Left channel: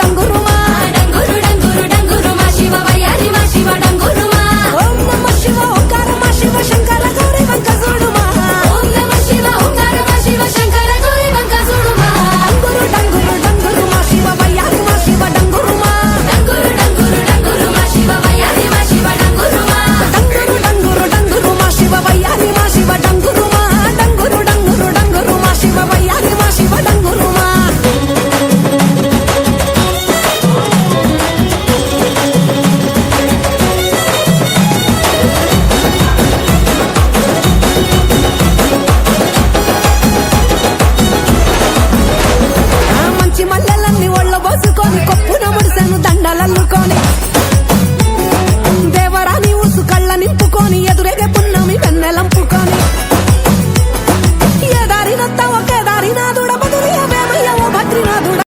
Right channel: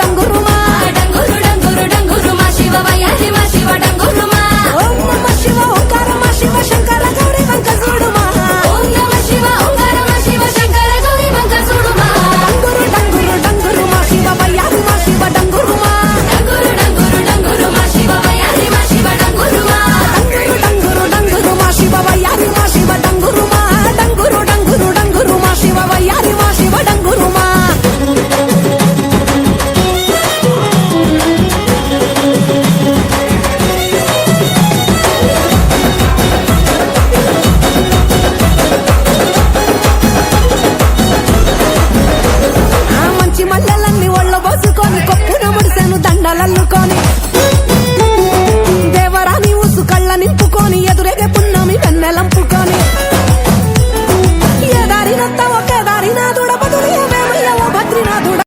డంగురుమా డంగురు డంగురు డంగురు మా శివ వయ్యారి మా శివ డంగురుమా ఓం నమ శివ ఓంకార మా శివ శంకర గౌరీ వంక చూడుమా ఓం నమ శివ ఓంకార మా శివ శంకర గౌరీ వంక చూడుమా డంగురు డంగురు డంగురు మా శివ వయ్యారి మా శివ డంగురుమా డంగురు డంగురు డంగురు మా శివ వయ్యారి మా శివ డంగురుమా డంగురు డంగురు డంగురు మా శివ వయ్యారి మా శివ డంగురుమా డంగురు డంగురు డంగురు మా శివ వయ్యారి మా శివ డంగురుమా ఆ మంచి మల్లెలన్నీ ఒళ్ళ పోసుకొని కొప్పున ముడిసెను దండలల్లుకొని దేవరాని ఊసు కళ్ళ నింపుకొని ఎదురేగే పున్నమి వెన్నెలంపుకొని ఏ దారినొత్త